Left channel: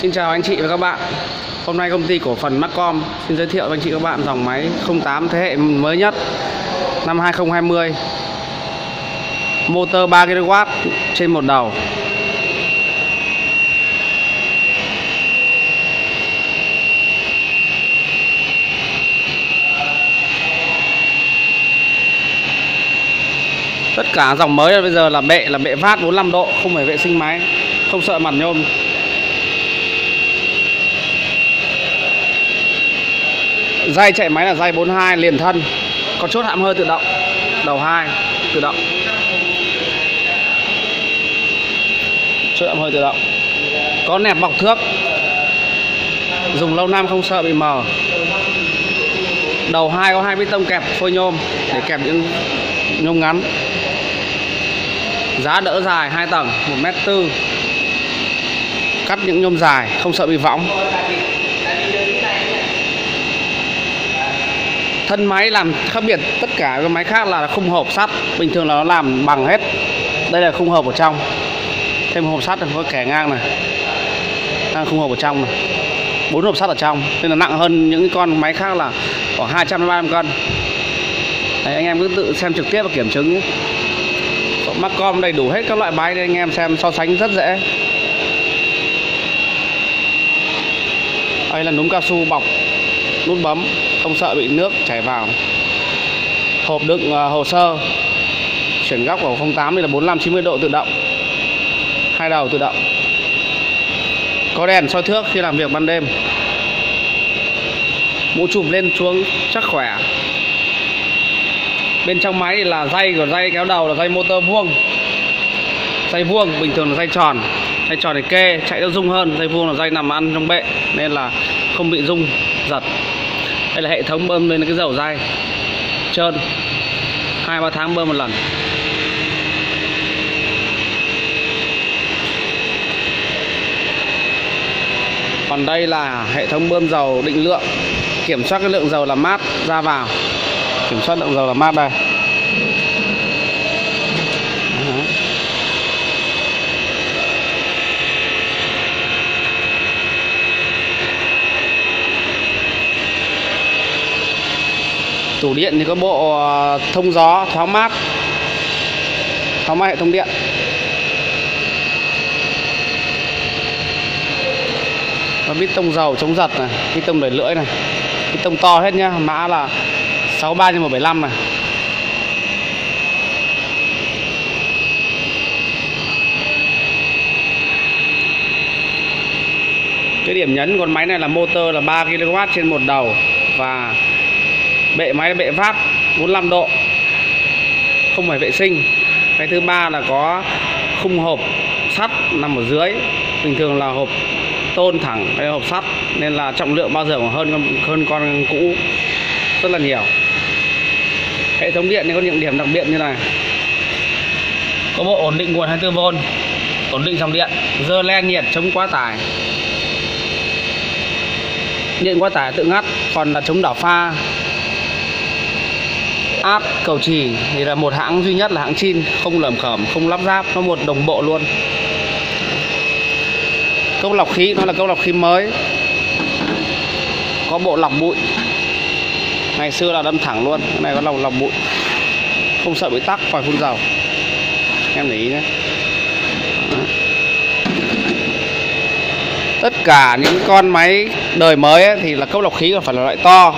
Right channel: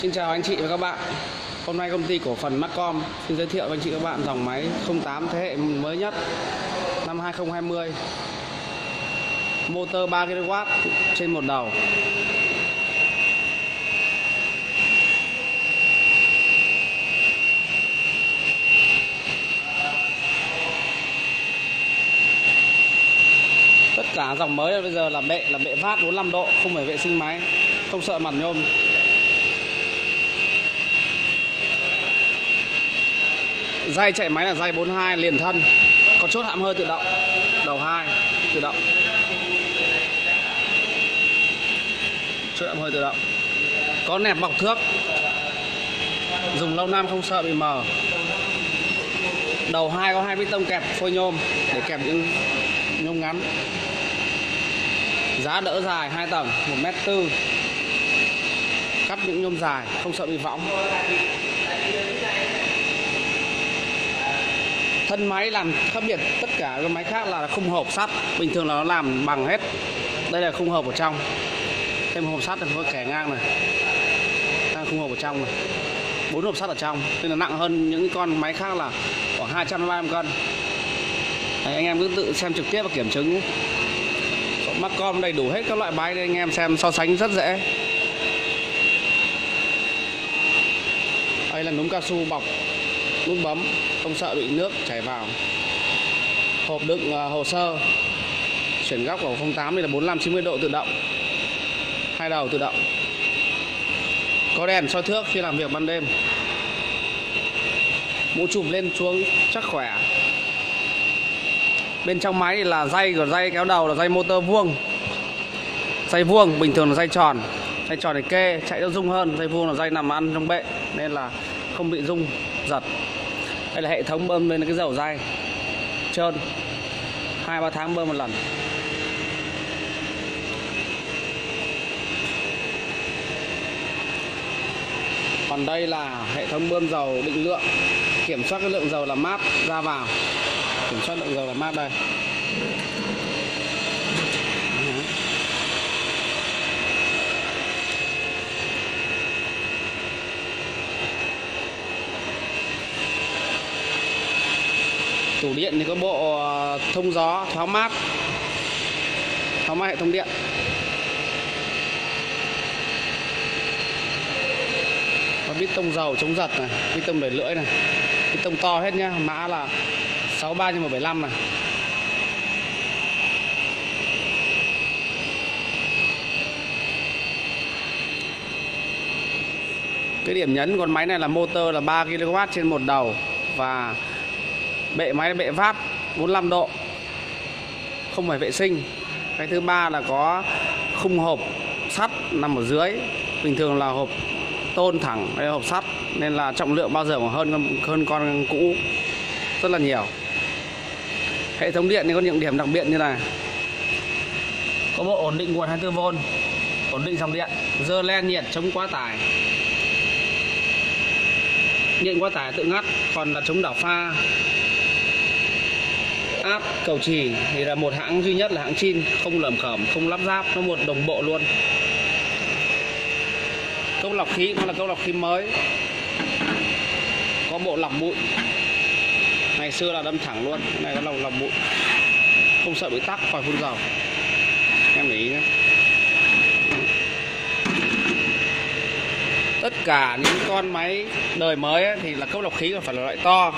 Xin chào anh chị và các bạn. Hôm nay công ty cổ phần Marcom xin giới thiệu với anh chị các bạn dòng máy 08 thế hệ mới nhất năm 2020. Motor 3 kW trên một đầu. Tất cả dòng mới bây giờ là bệ vát 45 độ, không phải vệ sinh máy, không sợ mặt nhôm. Dây chạy máy là dây 42 liền thân, có chốt hãm hơi tự động, đầu 2 tự động, chốt hãm hơi tự động, có nẹp bọc thước, dùng lâu năm không sợ bị mờ. Đầu 2 có 2 bít tông kẹp phôi nhôm để kẹp những nhôm ngắn. Giá đỡ dài 2 tầng 1m4, cắt những nhôm dài không sợ bị võng. Thân máy làm khác biệt tất cả các máy khác là khung hộp sắt, bình thường là nó làm bằng hết. Đây là khung hộp ở trong, thêm hộp sắt có kẻ ngang này, khung hộp ở trong này, 4 hộp sắt ở trong, nên là nặng hơn những con máy khác là khoảng 200 đến 300 cân. Đấy, anh em cứ tự xem trực tiếp và kiểm chứng nhé. Marcom đầy đủ hết các loại máy để anh em xem so sánh rất dễ. Đây là núm cao su bọc nút bấm, không sợ bị nước chảy vào. Hộp đựng hồ sơ, chuyển góc của 08 đây là 45-90 độ tự động, 2 đầu tự động. Có đèn soi thước khi làm việc ban đêm. Mũ chùm lên xuống chắc khỏe. Bên trong máy là dây của dây kéo đầu là dây motor vuông. Dây vuông bình thường là dây tròn. Dây tròn này kê chạy nó rung hơn, dây vuông là dây nằm ăn trong bệ nên là không bị rung giật. Đây là hệ thống bơm lên cái dầu dây trơn, 2-3 tháng bơm một lần. Còn đây là hệ thống bơm dầu định lượng, kiểm soát cái lượng dầu làm mát ra vào, kiểm soát lượng dầu làm mát đây. Tủ điện thì có bộ thông gió thoáng mát hệ thống điện. Và bít tông dầu chống giật này, bít tông đẩy lưỡi này, bít tông to hết nhá, mã là 63/175 này. Cái điểm nhấn con máy này là motor là 3 kW trên một đầu và bệ máy là bệ vát 45 độ, không phải vệ sinh. Cái thứ ba là có khung hộp sắt nằm ở dưới, bình thường là hộp tôn thẳng, đây là hộp sắt nên là trọng lượng bao giờ còn hơn con cũ rất là nhiều. Hệ thống điện thì có những điểm đặc biệt như này: có bộ ổn định nguồn 24V, ổn định dòng điện, dơ len nhiệt, chống quá tải, điện quá tải tự ngắt, còn là chống đảo pha, áp, cầu chì thì là một hãng duy nhất là hãng Chin, không lởm khởm, không lắp ráp, nó một đồng bộ luôn. Cốc lọc khí nó là cốc lọc khí mới, có bộ lọc bụi, ngày xưa là đâm thẳng luôn, cái này có lọc bụi, không sợ bị tắc vòi phun dầu, em để ý nhé. Tất cả những con máy đời mới ấy, thì là cốc lọc khí phải là loại to,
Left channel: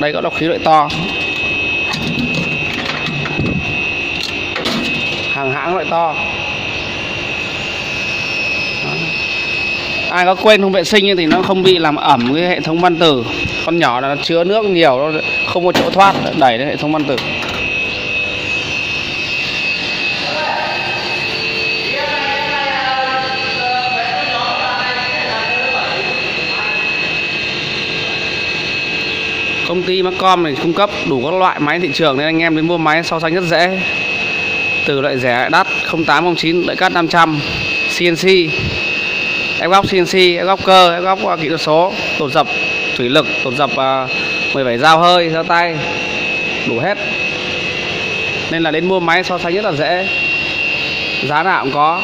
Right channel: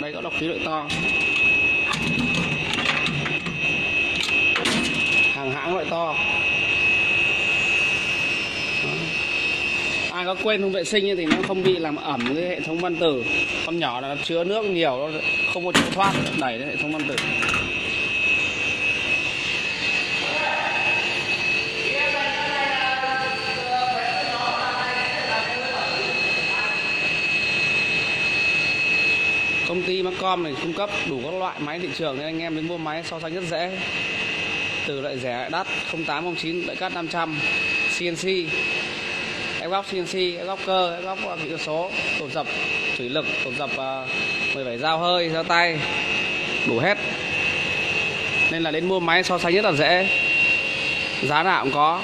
đây có lọc khí loại to, hàng hãng loại to. Đó. Ai có quên không vệ sinh thì nó không bị làm ẩm cái hệ thống van tử. Con nhỏ là nó chứa nước nhiều, nó không có chỗ thoát, đẩy đến hệ thống van tử. Công ty Marcom này cung cấp đủ các loại máy thị trường nên anh em đến mua máy so sánh rất dễ. Từ loại rẻ đắt 08, 09, loại cắt 500, CNC, ép góc CNC, ép góc cơ, ép góc kỹ thuật số, tột dập thủy lực, tột dập 17 dao hơi, dao tay, đủ hết. nên là đến mua máy so sánh rất là dễ, giá nào cũng có.